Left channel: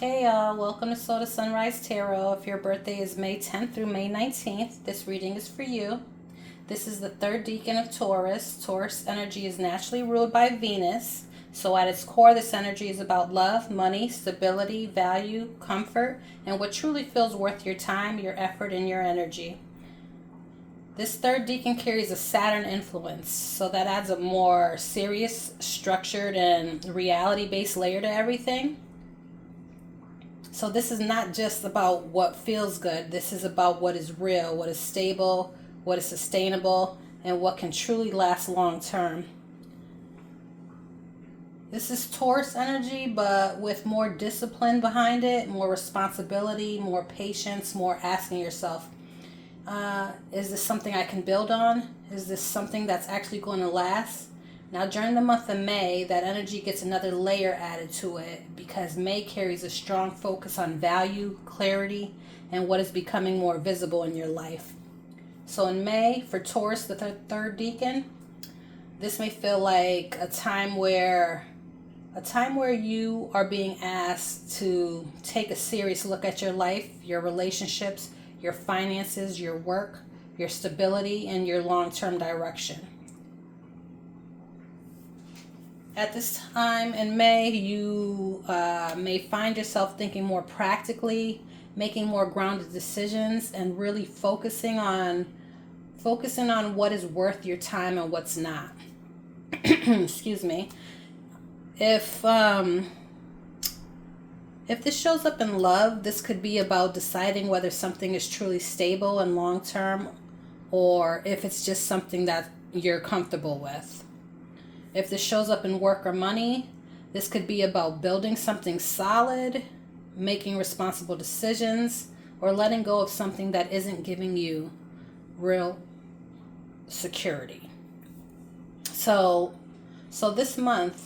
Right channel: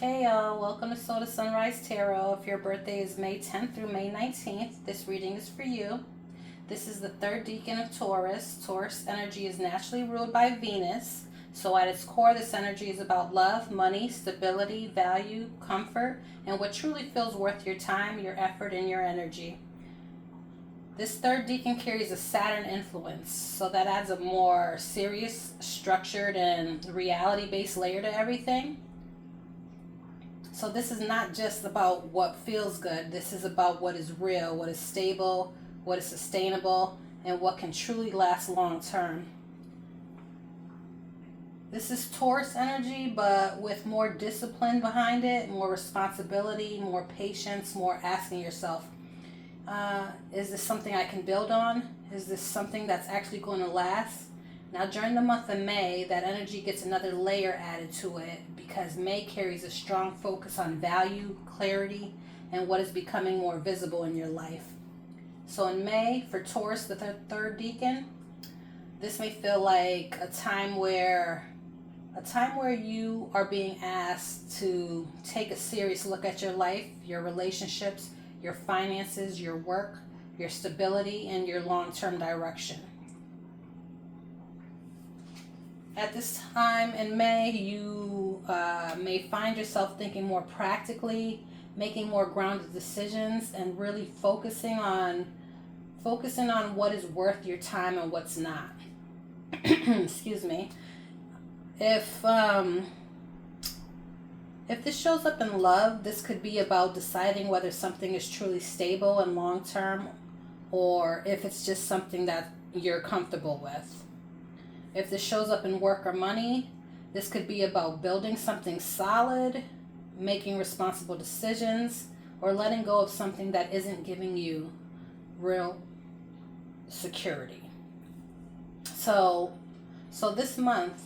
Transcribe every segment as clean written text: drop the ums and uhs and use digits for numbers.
Hey y'all, welcome to Soul to Sunrise Tarot. If your birthday is May 10th through May 19th, this reading is for you. This is the third decan of Taurus. Taurus energy is naturally ruled by Venus. So at its core, this energy is about love, money, stability, value, comfort, and what truly feels worth your time, your effort, and your energy. This third decan carries a Saturn influence, so that adds a more serious, structured, and reality-based layer to everything. So this is not just about what feels good. This is about what is real, what is stable, what is sustainable, and what can truly last long term. This is Taurus energy, but with more discipline behind it, more responsibility, more patience, more asking yourself, is this something I can build on? Is this something that's actually going to last? Now, during the month of May, that energy gets another layer added to it because May carries a strong focus on value, clarity, and what is becoming more visible in your life. So in May, for Taurus, the third decan, this may feel like a time where you are being asked to take a serious look at your life, your relationships, your finances, your work, your stability, and your long-term direction. At this time in May, you may find yourself thinking more practically, making more grounded decisions, and really focusing on what is worth your time and what's not. Excuse me. If this shows up in love, this could be about deciding whether something is truly stable and long term, or if it's just something that you're comfortable with. If this shows up in work or money, this could be about building something solid, making responsible decisions, or letting go of something that isn't giving you real security. So this month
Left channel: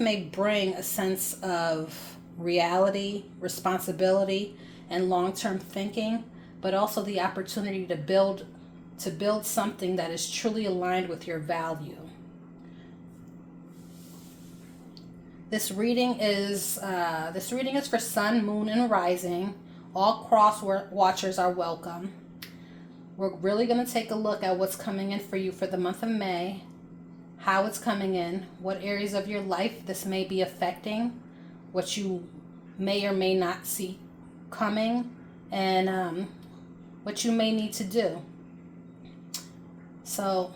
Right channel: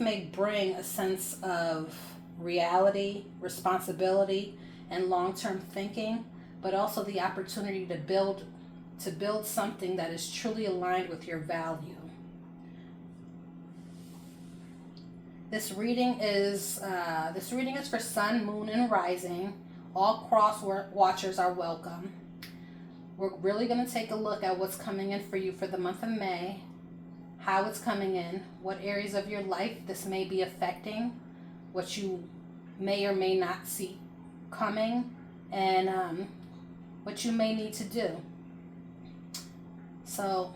may bring a sense of reality, responsibility, and long-term thinking, but also the opportunity to build something that is truly aligned with your value. This reading is for Sun, Moon, and Rising. All cross watchers are welcome. We're really going to take a look at what's coming in for you for the month of May, how it's coming in, what areas of your life this may be affecting, what you may or may not see coming, and what you may need to do. So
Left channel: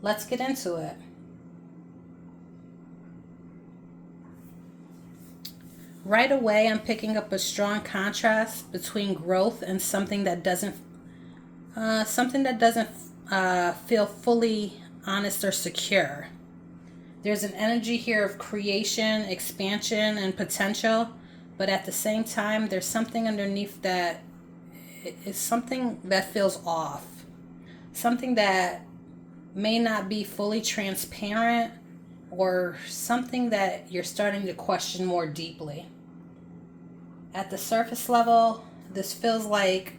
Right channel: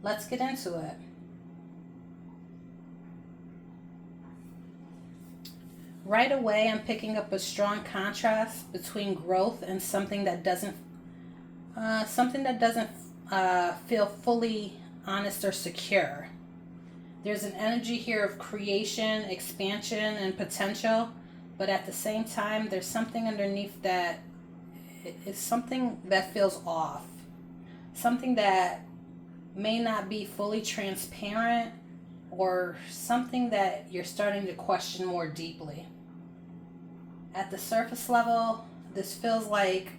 let's get into it. Right away, I'm picking up a strong contrast between growth and something that doesn't feel fully honest or secure. There's an energy here of creation, expansion, and potential, but at the same time, there's something underneath that. It's something that feels off, something that may not be fully transparent, or something that you're starting to question more deeply. At the surface level, this feels like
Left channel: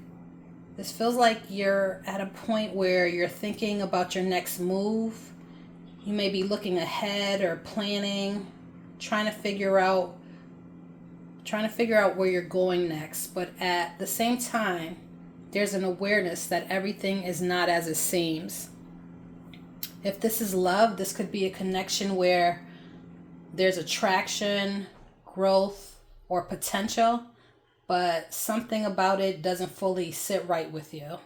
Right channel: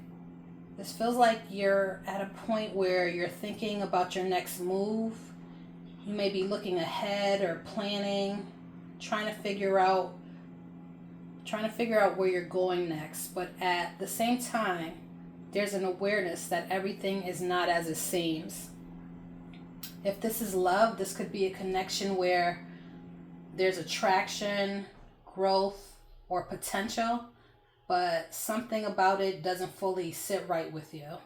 you're at a point where you're thinking about your next move. You may be looking ahead or planning, trying to figure out where you're going next. But at the same time, there's an awareness that everything is not as it seems. If this is love, this could be a connection where there's attraction, growth, or potential, but something about it doesn't fully sit right with you.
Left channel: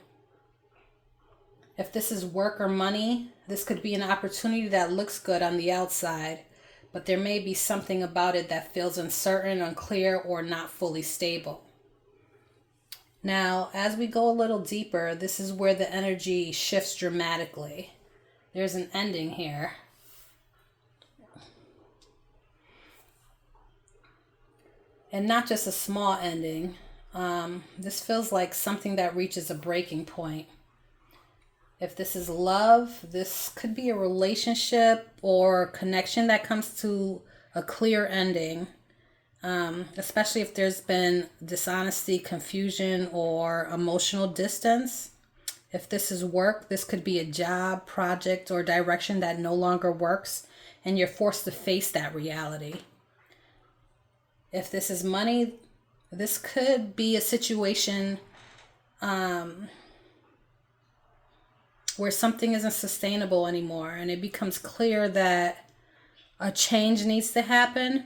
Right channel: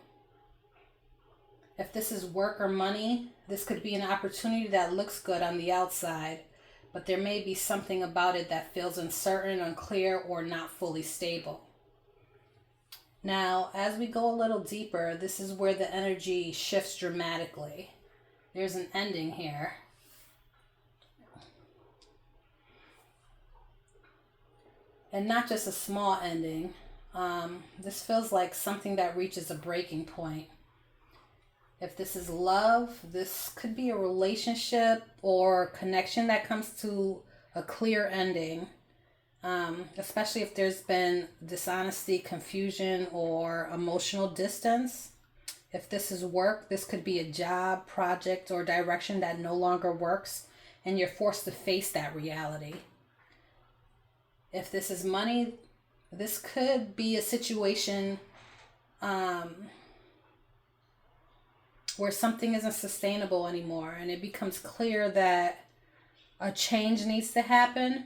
If this is work or money, this could be an opportunity that looks good on the outside, but there may be something about it that feels uncertain, unclear, or not fully stable. Now, as we go a little deeper, this is where the energy shifts dramatically. There's an ending here. And not just a small ending. This feels like something that reaches a breaking point. If this is love, this could be a relationship or connection that comes to a clear ending, especially if there's been dishonesty, confusion, or emotional distance. If this is work, this could be a job, project, or direction that no longer works, and you're forced to face that reality. If this is money, this could be a situation where something isn't sustainable anymore, and it becomes clear that a change needs to happen,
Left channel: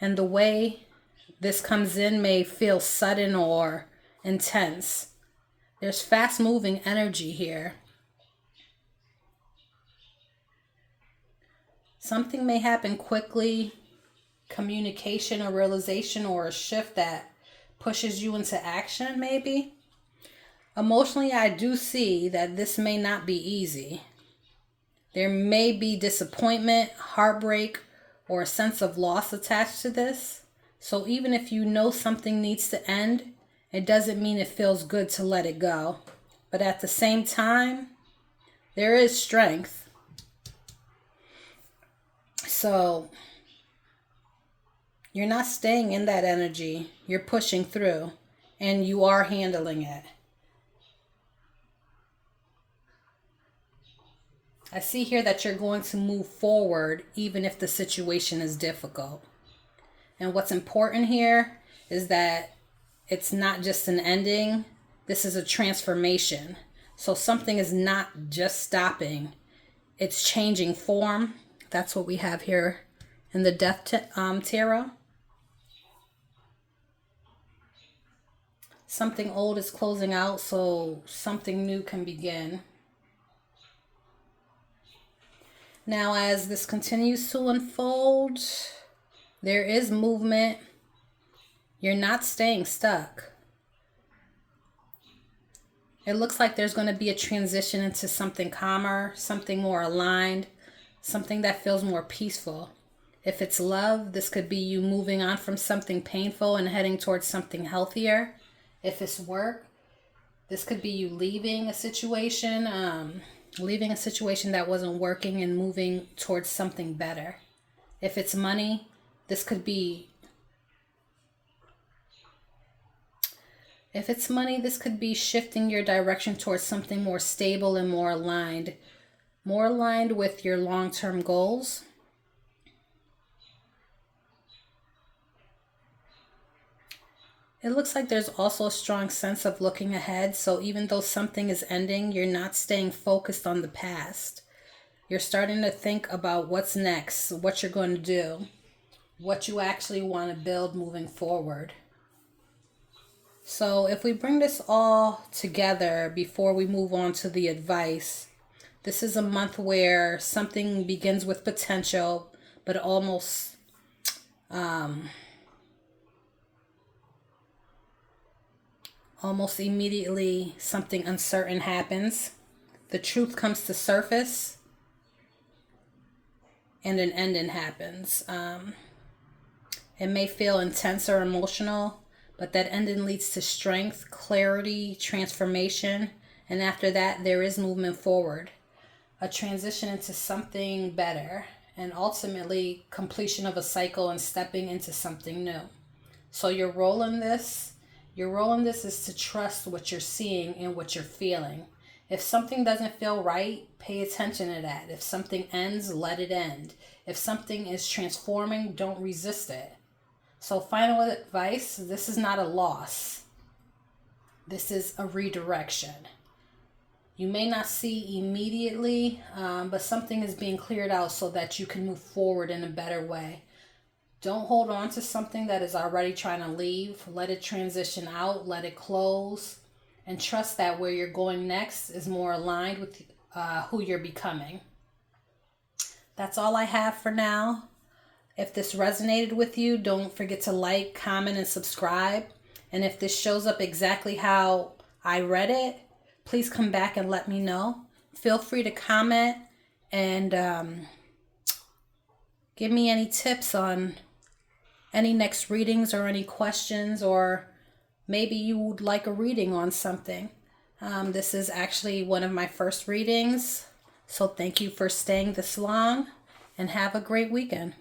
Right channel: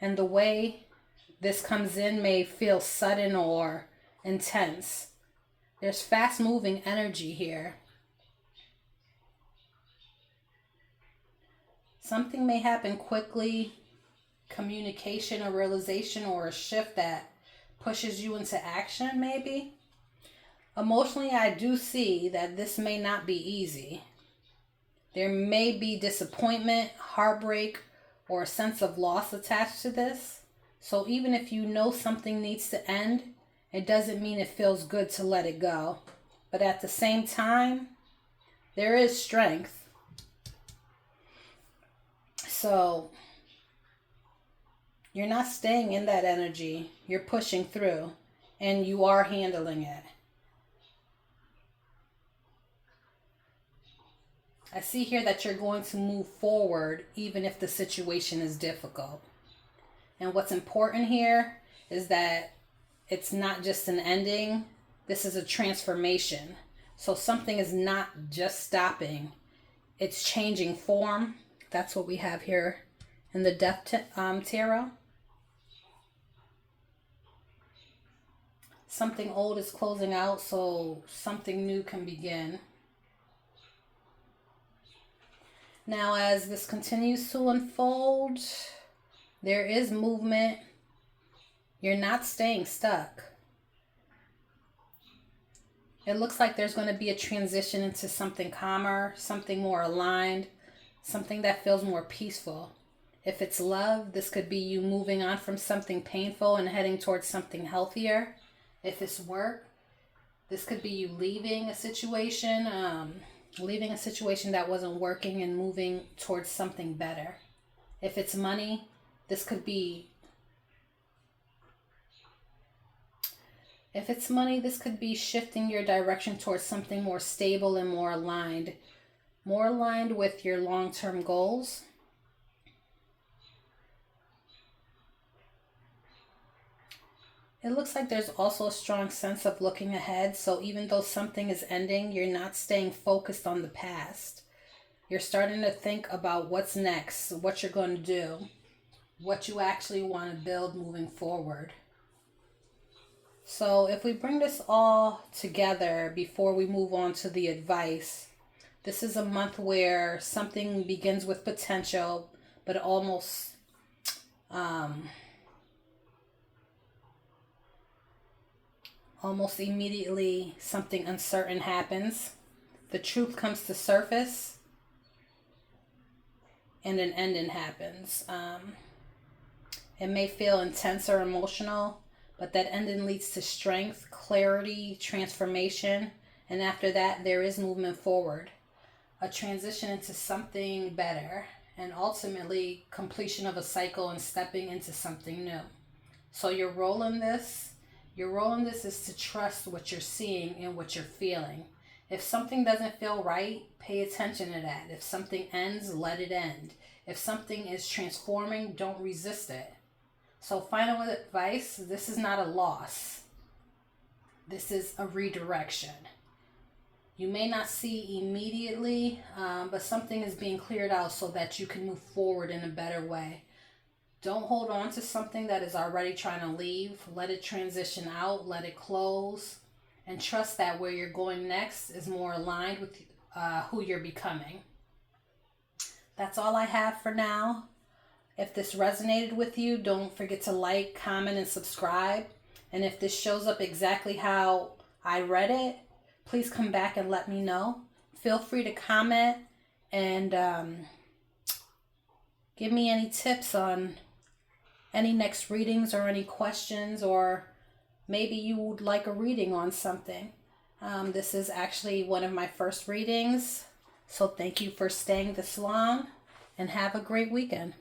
and the way this comes in may feel sudden or intense. There's fast moving energy here. Something may happen quickly, communication or realization, or a shift that pushes you into action maybe. Emotionally, I do see that this may not be easy. There may be disappointment, heartbreak, or a sense of loss attached to this. So even if you know something needs to end, it doesn't mean it feels good to let it go. But at the same time, there is strength. So you're not staying in that energy. You're pushing through, and you are handling it. I see here that you're going to move forward even if the situation is difficult. And what's important here is that it's not just an ending. This is a transformation. So something is not just stopping. It's changing form. That's what we have here in the Death Tarot. Something old is closing out, so something new can begin. Now, as this continues to unfold, there is movement. You're not staying stuck. It looks like there's going to be a transition into something calmer, something more aligned, something that feels more peaceful. If it's love, this could be you moving on from something painful and heading towards something healthier. If it's work, this could be you leaving a situation that wasn't working and moving towards something better. If it's money, this could be shifting your direction towards something more stable and more aligned with your long-term goals. It looks like there's also a strong sense of looking ahead. So even though something is ending, you're not staying focused on the past. You're starting to think about what's next, what you're going to do, what you actually want to build moving forward. So if we bring this all together before we move on to the advice, this is a month where something begins with potential, but almost immediately something uncertain happens. The truth comes to surface and an ending happens. It may feel intense or emotional, but that ending leads to strength, clarity, transformation, and after that there is movement forward, a transition into something better, and ultimately completion of a cycle and stepping into something new. So your role in this is to trust what you're seeing and what you're feeling. If something doesn't feel right, pay attention to that. If something ends, let it end. If something is transforming, don't resist it. So final advice, this is not a loss. This is a redirection. You may not see immediately, but something is being cleared out so that you can move forward in a better way. Don't hold on to something that is already trying to leave. Let it transition out, let it close, and trust that where you're going next is more aligned with who you're becoming. That's all I have for now. If this resonated with you, don't forget to like, comment, and subscribe. And if this shows up exactly how I read it, please come back and let me know. Feel free to comment and give me any tips on any next readings or any questions, or maybe you would like a reading on something. This is actually one of my first readings. So thank you for staying this long and have a great weekend.